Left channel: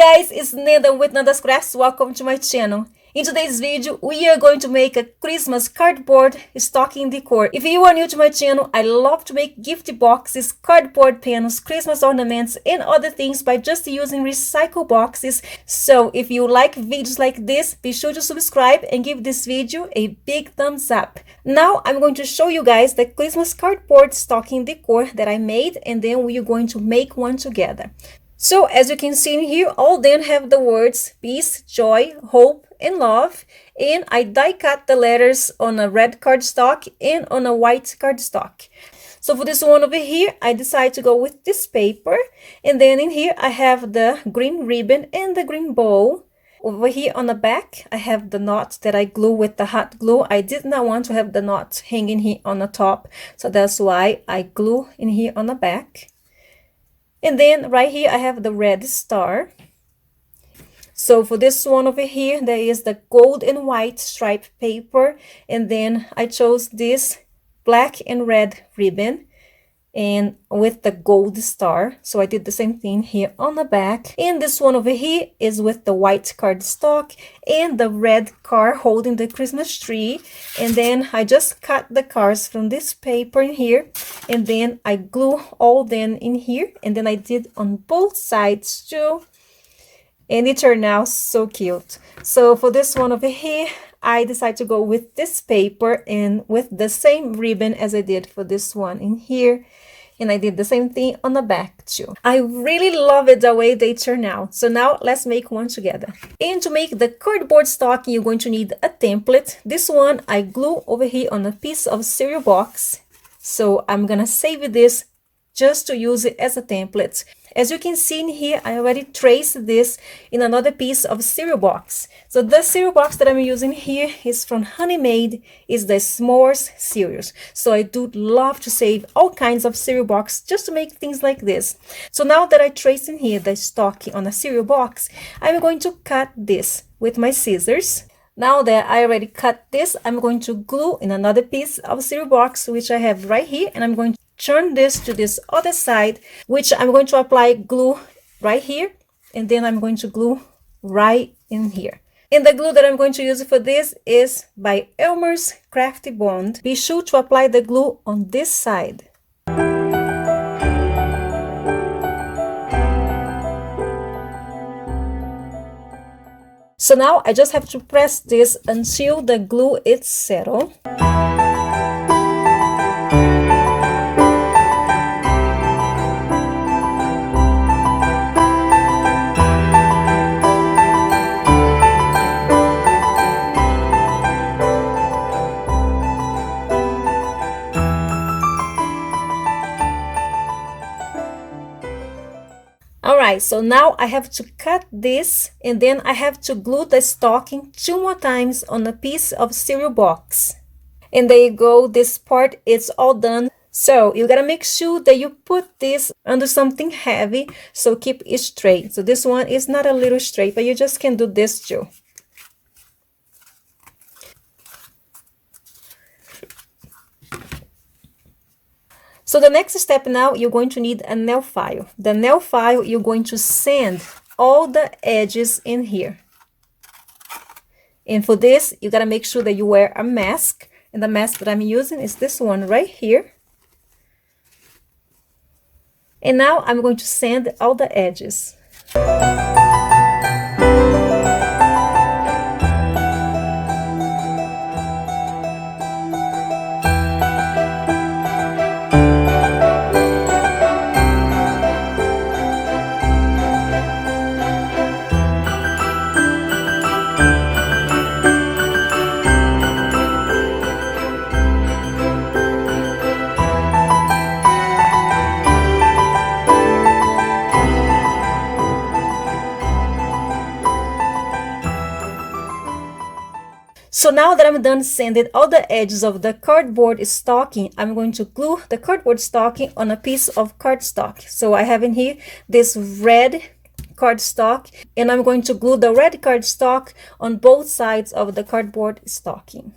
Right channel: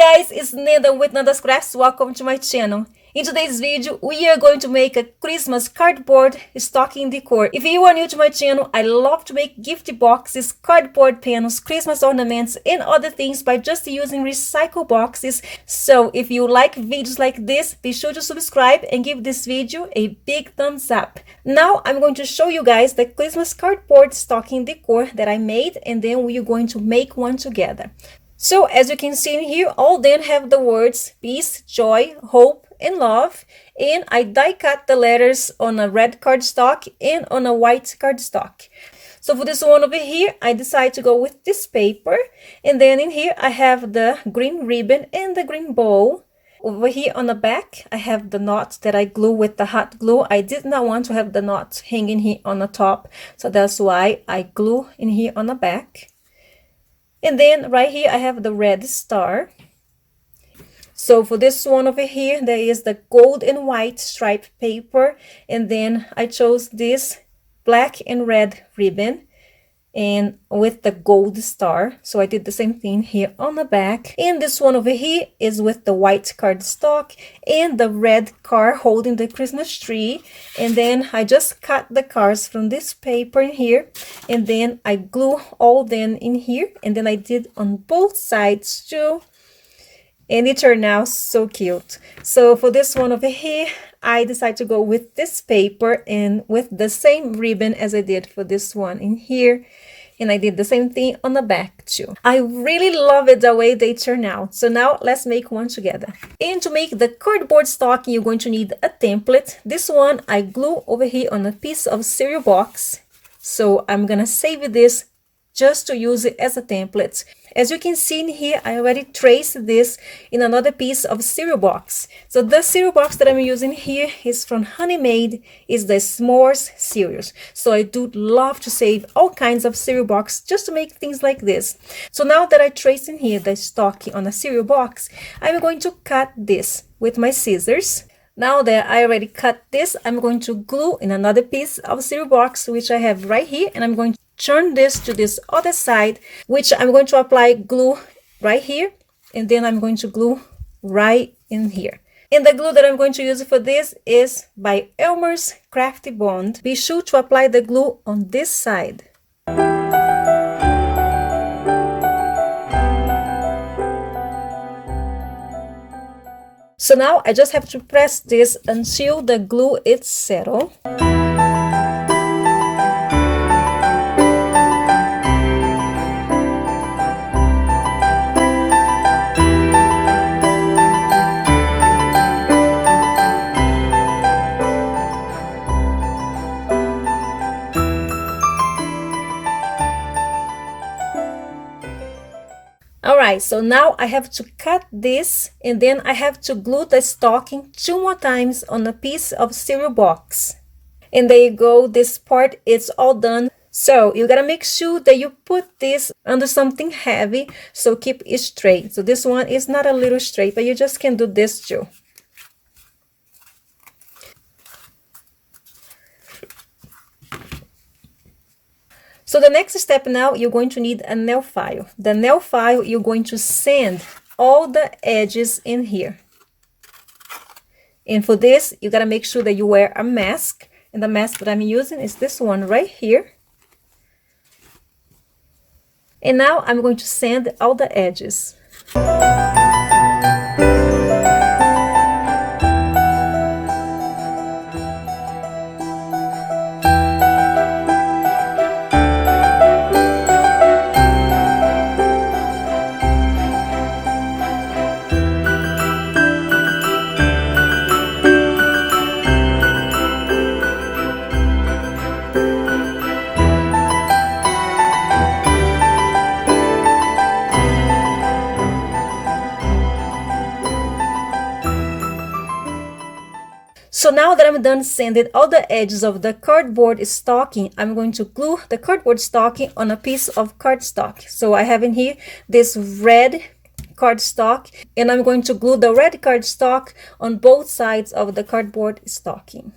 guys, it's Nanda with Nanda's Crafts. Welcome to my channel. In today's video, we are going to make a Christmas cardboard stocking decor. If you are new to my channel, I love to make gift boxes, cardboard panels, Christmas ornaments, and other things by just using recycled boxes. So if you like videos like this, be sure to subscribe and give this video a big thumbs up. Now I'm going to show you guys the Christmas cardboard stocking decor that I made, and then we are going to make one together. So as you can see in here, all then have the words peace, joy, hope, and love. And I die cut the letters on a red cardstock and on a white cardstock. So for this one over here, I decided to go with this paper. And then in here, I have the green ribbon and the green bow. Over here on the back, I have the knot that I glue with the hot glue. I did not want to have the knot hanging here on the top. So that's why I glue in here on the back. And then right here, I have the red star. So for this one over here, there is the gold and white stripe paper. And then I chose this black and red ribbon and with the gold star. So I did the same thing here on the back. And this one over here is with the white cardstock and the red car holding the Christmas tree. And then I just cut the cars from this paper in here, and then I glue all them in here, and then I did on both sides too, and it turned out so cute. So for this one over here, I decided to go with this paper and with the same ribbon as I did for this one in here. And I did the same thing on the back too. I really love it the way they turn out. So now let's make one together. And to make the cardboard stocking, you're going to need a template. This one I glue over here on a piece of cereal box. So I'm gonna save this just to use it as a template. As you can see in here, I already traced this in another piece of cereal box. So the cereal box that I'm using here is from Honey Made, is the s'mores cereals. So I do love to save all kinds of cereal box just to make things like this. So now that I traced in here the stocking on a cereal box, I'm going to cut this with my scissors. Now that I already cut this, I'm going to glue in another piece of cereal box, which I have right here, and I'm going to turn this to this other side, which I'm going to apply glue right here, and then I'm going to glue right in here. And the glue that I'm going to use for this is by Elmer's Crafty Bond. Be sure to apply the glue on this side. So now I just have to press this until the glue is settled. Alright, so now I have to cut this, and then I have to glue the stocking 2 more times on a piece of cereal box. And there you go, this part is all done. So you gotta make sure that you put this under something heavy, so keep it straight. So this one is not a little straight, but you just can do this too. So the next step now, you're going to need a nail file. The nail file, you're going to sand all the edges in here. And for this, you gotta make sure that you wear a mask. And the mask that I'm using is this one right here. And now I'm going to sand all the edges. So now that I'm done sanding all the edges of the cardboard stocking, I'm going to glue the cardboard stocking on a piece of cardstock. So I have in here this red cardstock, and I'm going to glue the red cardstock on both sides of the cardboard stocking.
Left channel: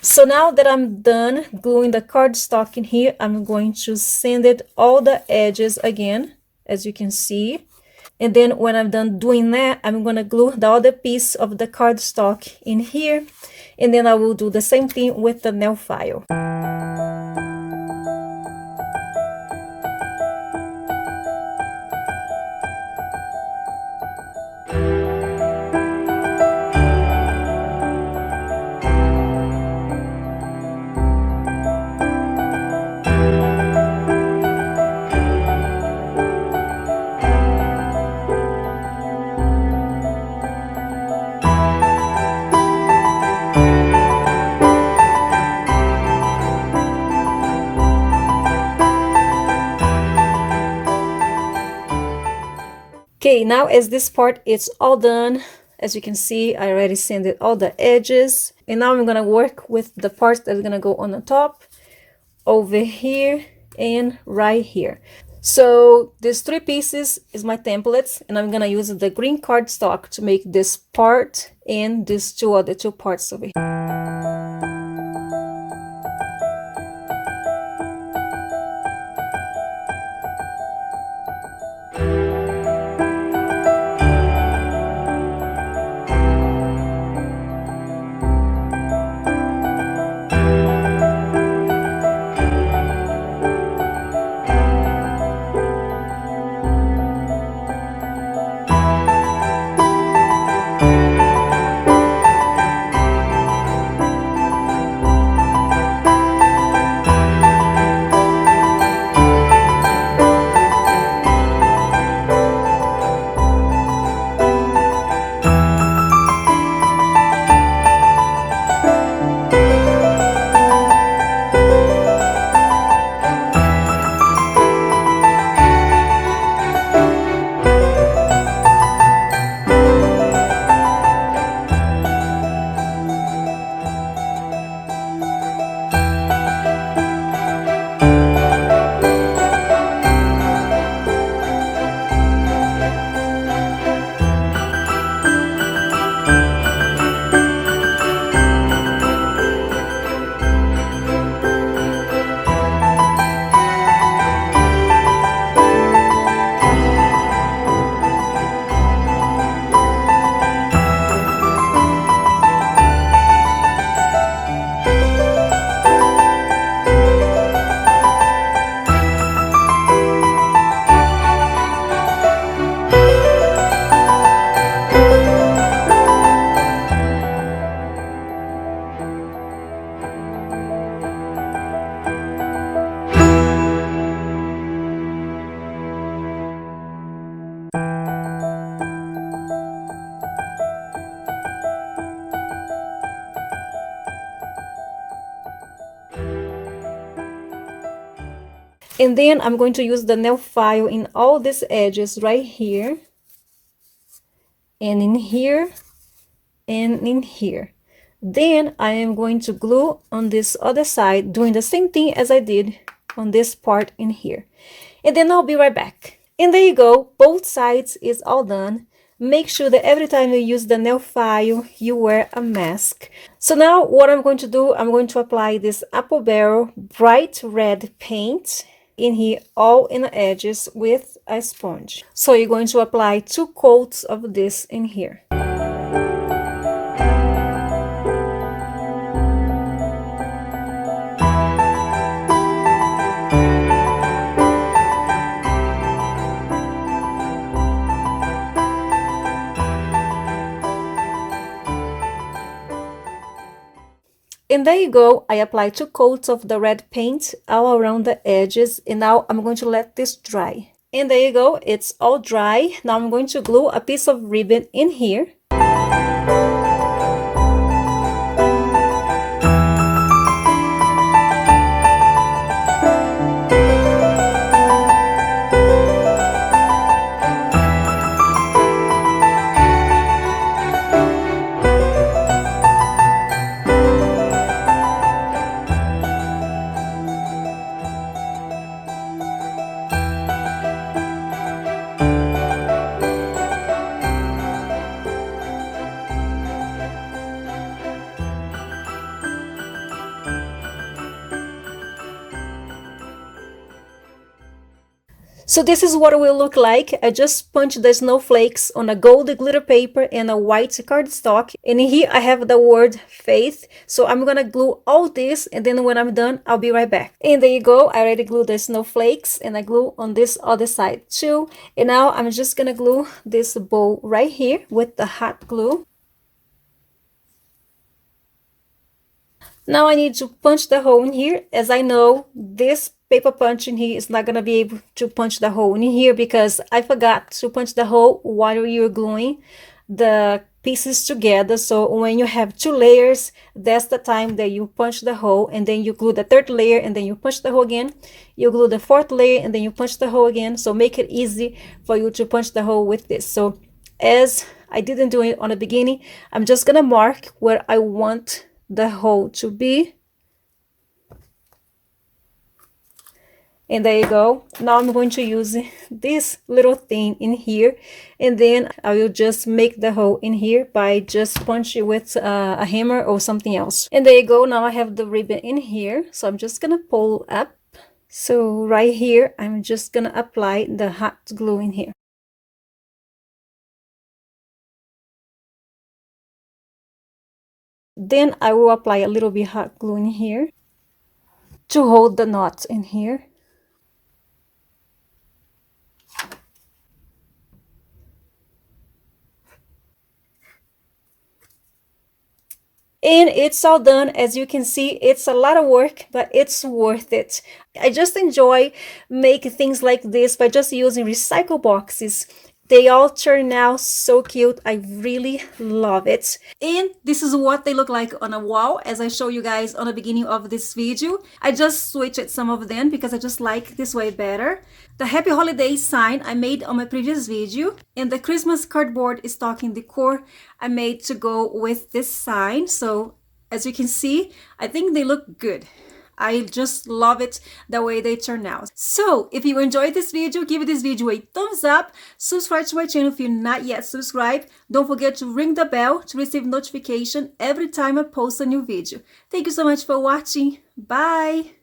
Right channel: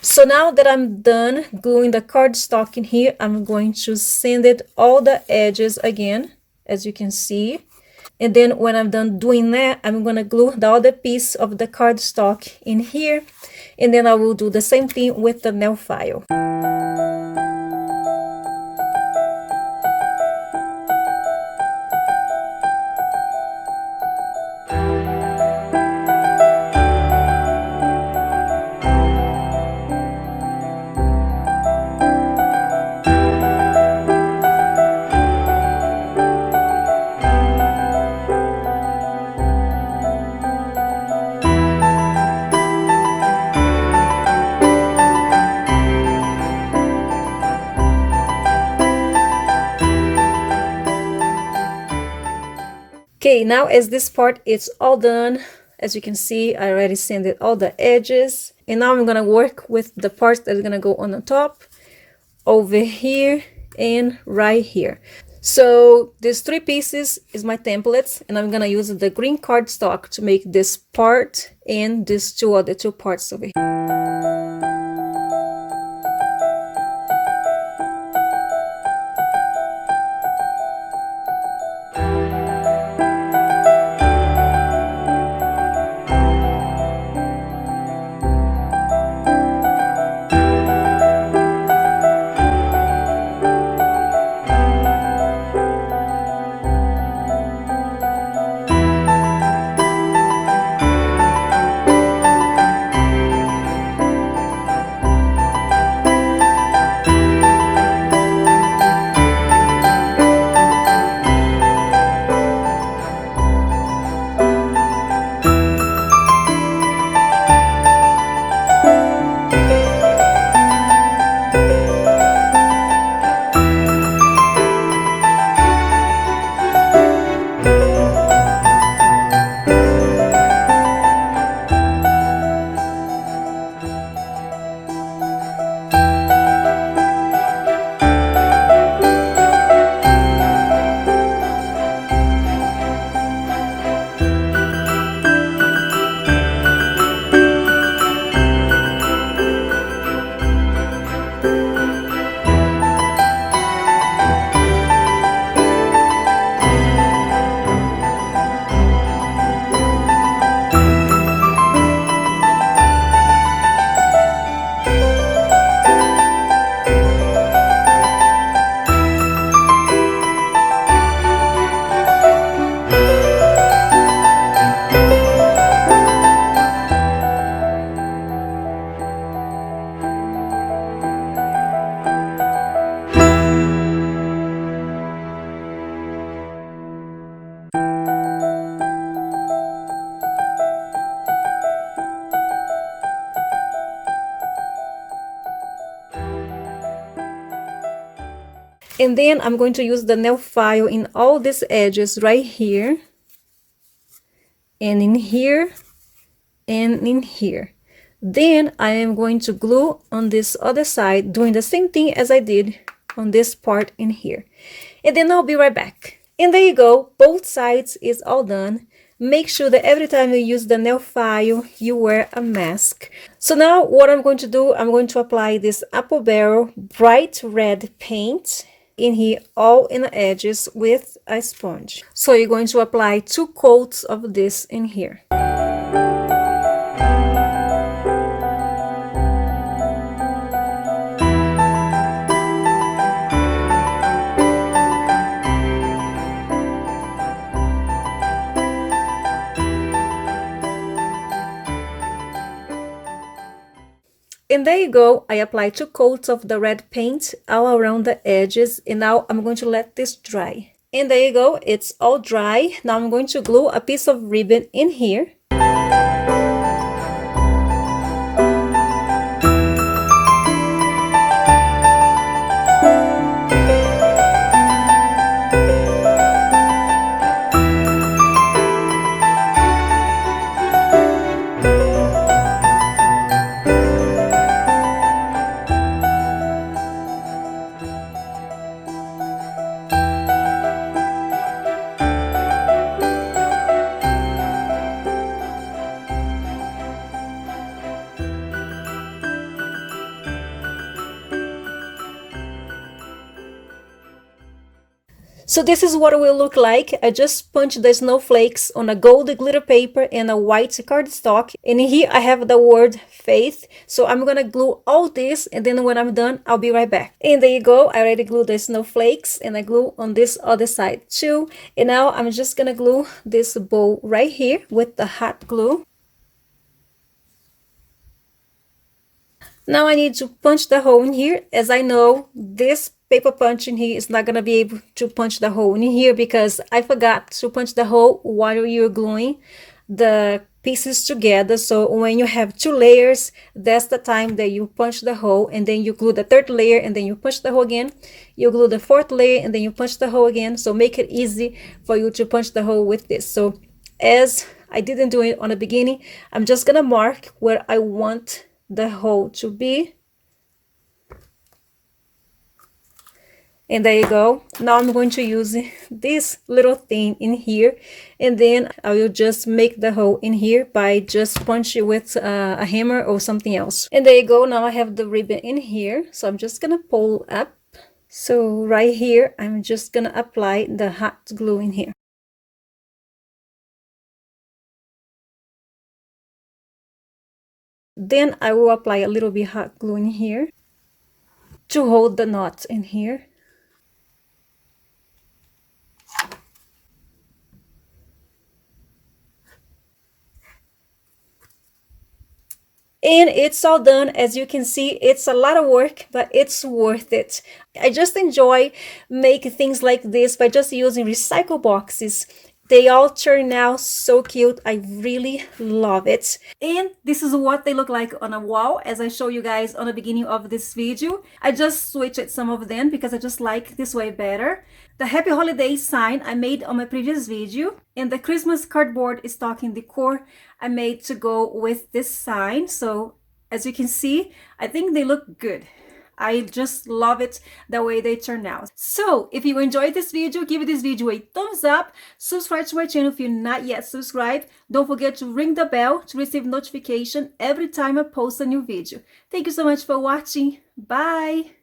So now that I'm done gluing the cardstock in here, I'm going to sand it all the edges again, as you can see. And then when I'm done doing that, I'm gonna glue the other piece of the cardstock in here. And then I will do the same thing with the nail file. Okay, now as this part is all done, as you can see, I already sanded all the edges. And now I'm gonna work with the parts that are gonna go on the top, over here, and right here. So these three pieces is my templates, and I'm gonna use the green cardstock to make this part and these two parts over here. And then I'm going to use the nail file in all these edges right here, and in here, and in here. Then I am going to glue on this other side, doing the same thing as I did on this part in here. And then I'll be right back. And there you go, both sides is all done. Make sure that every time you use the nail file, you wear a mask. So now what I'm going to do, I'm going to apply this apple barrel bright red paint in here, all in the edges with a sponge. So you're going to apply 2 coats of this in here. And there you go, I applied 2 coats of the red paint all around the edges, and now I'm going to let this dry. And there you go, it's all dry. Now I'm going to glue a piece of ribbon in here. So this is what it will look like. I just punched the snowflakes on a gold glitter paper and a white cardstock. And here I have the word faith. So I'm gonna glue all this, and then when I'm done, I'll be right back. And there you go. I already glued the snowflakes, and I glue on this other side too. And now I'm just gonna glue this bow right here with the hot glue. Now I need to punch the hole in here. As I know, this paper punch in here is not going to be able to punch the hole in here because I forgot to punch the hole while you're gluing the pieces together. So when you have two layers, that's the time that you punch the hole, and then you glue the third layer, and then you punch the hole again. You glue the fourth layer, and then you punch the hole again. So make it easy for you to punch the hole with this. So as I didn't do it on the beginning, I'm just going to mark where I want the hole to be, and there you go. Now I'm going to use this little thing in here, and then I will just make the hole in here by just punching with a hammer or something else. And there you go. Now I have the ribbon in here, so I'm just gonna pull up. So right here, I'm just gonna apply the hot glue in here. Then I will apply a little bit hot glue in here to hold the knots in here. And it's all done. As you can see, it's a lot of work, but it's worth it. I just enjoy making things like this by just using recycle boxes. They all turn out so cute. I really love it. And this is what they look like on a wall, as I show you guys on the beginning of this video. I just switched some of them because I just like this way better. The Happy Holidays sign I made on my previous video, and the Christmas cardboard stocking decor I made to go with this sign. So as you can see, I think they look good. I just love it the way they turn out. So if you enjoyed this video, give this video a thumbs up. Subscribe to my channel if you're not yet subscribed. Don't forget to ring the bell to receive notification every time I post a new video. Thank you so much for watching. Bye!